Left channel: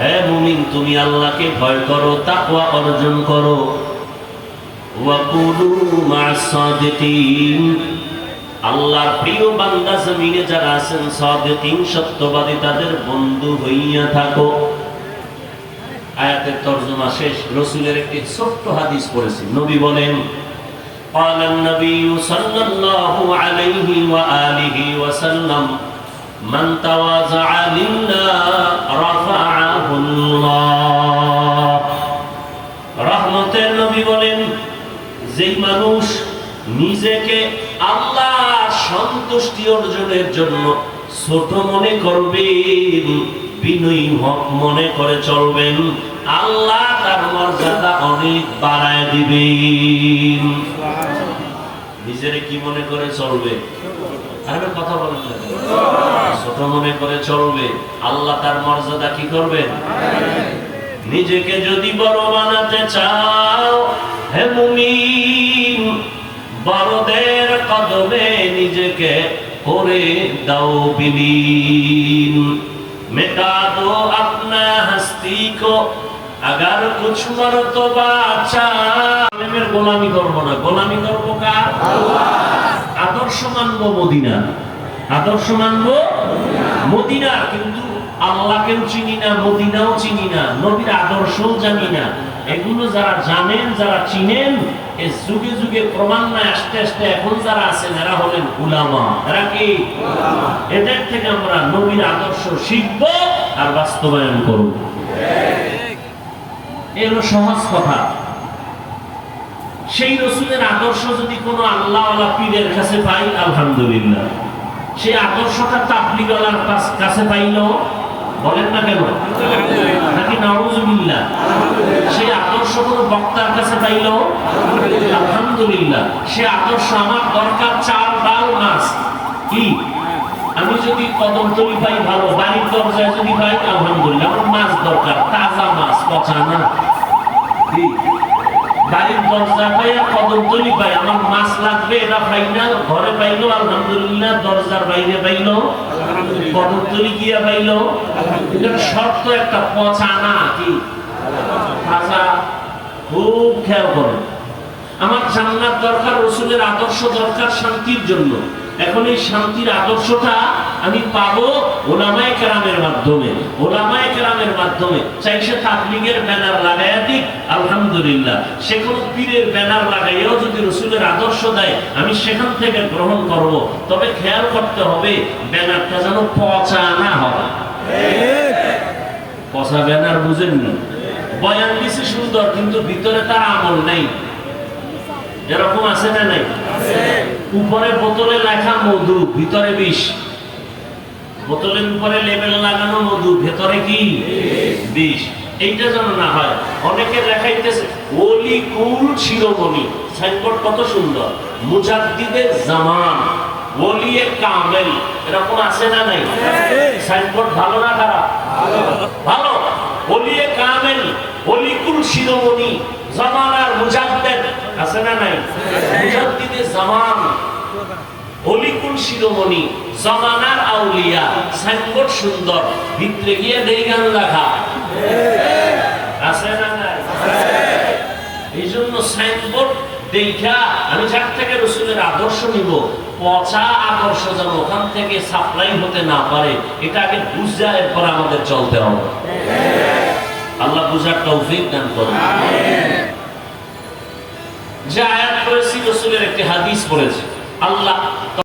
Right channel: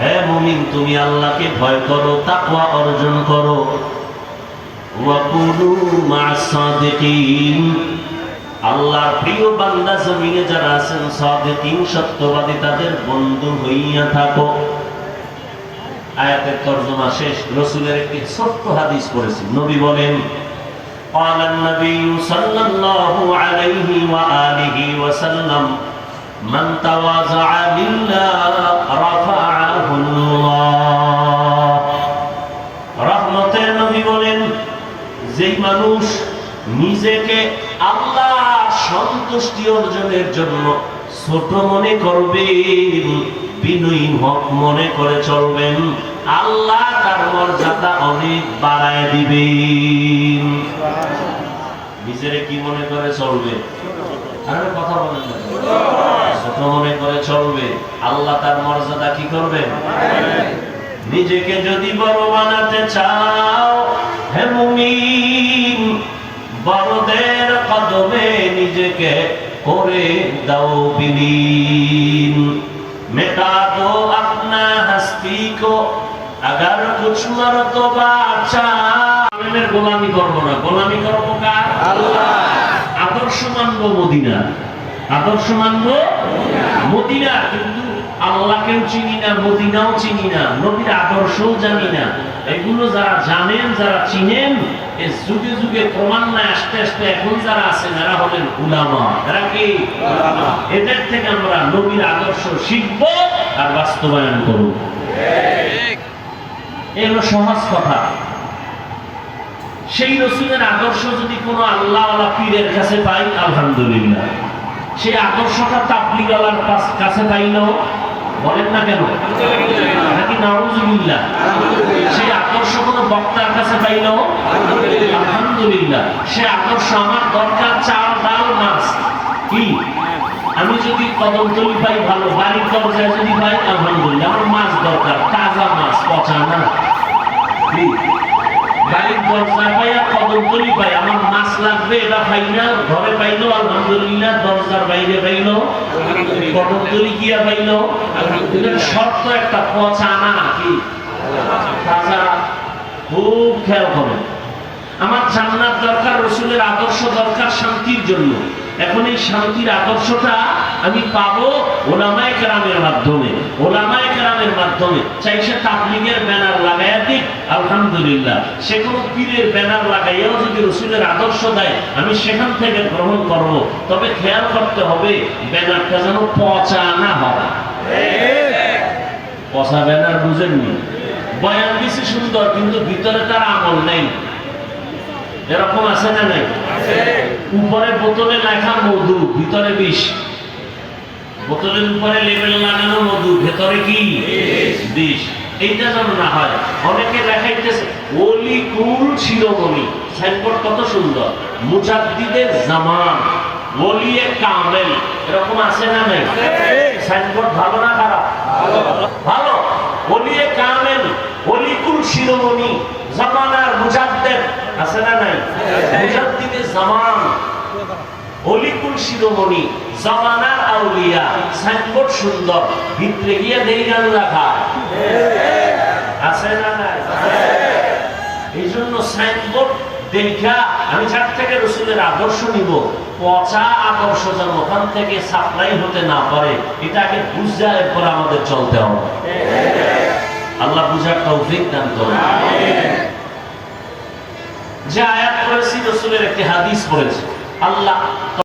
হে মুমিন, তুমি আল্লাহকে ভয় করো, তাকওয়া অর্জন করো। ওয়া কুনু মা'আস সাদিকিন, আল্লাহর প্রিয় বান্দা জমিনে যারা আছেন সাদিকিন, সত্যবাদী, তাদের বন্ধু হইয়া থাকো। আয়াতের তরজমা শেষ। রাসূলের একটি ছোট্ট হাদিস পড়েছি। নবী বলেন, قال النبي صلى الله عليه وآله وسلم من تواضع لله رفعه الله। রহমতের নবী বলেন, যেই মানুষ নিজেকে আল্লাহর সন্তুষ্টি অর্জনের জন্য ছোট মনে করবেন, বিনয়ী মনে করে চলবেন, আল্লাহ তার মর্যাদা অনেক বাড়ায় দিবেন। নিজেরে কি মনে করে চলবে? আরে কথা বলেন না, ছোট মনে করে চলবে, আল্লাহ তার মর্যাদা কি করবেন? নিজেকে যদি বড় বানাতে চাও, হে মুমিন, বড়দের কদমে নিজেকে করে দাও বিলীন। मिटा दो अपना हस्ती को अगर कुछ मर्तबा अच्छा। আলেমের গোলামি করব না, গোলামি করব কার? আল্লাহ। আদর্শ মানব মদিনা, আদর্শ মানব মদিনা, কিন্তু আল্লাহকেও চিনি না, মদিনাও চিনি না, নবীর আদর্শও জানি না। এগুলো যারা জানেন, যারা চিনেন, এই যুগে যুগে ক্রমান্বয়ে আস্তে আস্তে এখন যারা আছেন এরা হলেন উলামা। এরা কি? এদের থেকে আমরা নবীর আদর্শ শিখব আর বাস্তবায়ন করব। এগুলো সহজ কথা। সেই রাসূলের আদর্শ যদি কোনো আল্লাহওয়ালা পীরের কাছে পাই, আলহামদুলিল্লাহ। সেই আদর্শটা তাবলীগওয়ালার কাছে পাইলো, বলেন না কেন? নাকি নাউযুবিল্লাহ। সেই আদর্শ কোনো বক্তার কাছে পাইলো, আলহামদুলিল্লাহ। সেই আদর্শ আমার দরকার চাল, ডাল, মাছ। কি? আমি যদি কদমতলি পাই ভালো, বাড়ির দরজায় যদি পাই আলহামদুলিল্লাহ। আমার মাছ দরকার, তাজা মাছ, পচা না। বাড়ির দরজা পাই আর কদমতলি পাই, আমার মাছ লাগবে, এটা পাই না, ঘরে পাইলো আলহামদুলিল্লাহ, দরজার বাইরে পাইলো, কদমতলি গিয়া পাইলো। শর্ত একটা, পচা না, কি তাজা। খুব খেয়াল করে। আমার জান্নাত দরকার, রাসূলের আদর্শ দরকার শান্তির জন্য। এখন এই শান্তির আদর্শটা আমি পাবো ওলামায়ে কেরামের মাধ্যমে, ওলামায়ে কেরামের মাধ্যমে। চাই সে তাবলীগের ব্যানার লাগাইয়া দিক, আলহামদুলিল্লাহ। সে কোনো পীরের ব্যানার লাগাইয়াও যদি রাসূলের আদর্শ দেয়, আমি সেখান থেকে গ্রহণ করব। তবে খেয়াল করতে হবে ব্যানারটা যেন পচা না হয়। পচা ব্যানার বুঝেননি? বয়ান দিছি সুন্দর, কিন্তু ভিতরে তার আমল নেই। এরকম আছে না নাই? উপরে বোতলে লেখা মধু, ভিতরে বিষ। বোতলের উপরে লেবেল লাগানো মধু, ভেতরে কি বিষ। এইটা যেন না হয়। অনেকে দেখাইতেছে ওলি কুল শিরোমণি, সাইনবোর্ড কত সুন্দর, মুজাদ্দিদের জামান, ওলিয়ে কামেল, এরকম আছে না নাই? সাইনবোর্ড ভালো না খারাপ? ভালো। ওলিয়ে কামেল, ওলি কুল শিরোমণি, জামানার মুজাদ্দিদ, আছে না নাই? মুজাদ্দিদের জামান, অলিকুল শিরোমণি, জামানার আউলিয়া। সাইনবোর্ড সুন্দর, ভিতরে গিয়ে দেইগান লেখা, আছে না নাই? এই জন্য সাইনবোর্ড দেখা আমি যার থেকে রাসূলের আদর্শ নিব, পচা আদর্শ যেন ওখান থেকে সাপ্লাই হতে না পারে, এটা আগে বুঝা, এরপর আমাদের চলতে হবে। আল্লাহ বুঝার তৌফিক দান করুন। যে আয়াত পড়েছি রাসূলের একটি হাদিস পড়েছি। আল্লাহ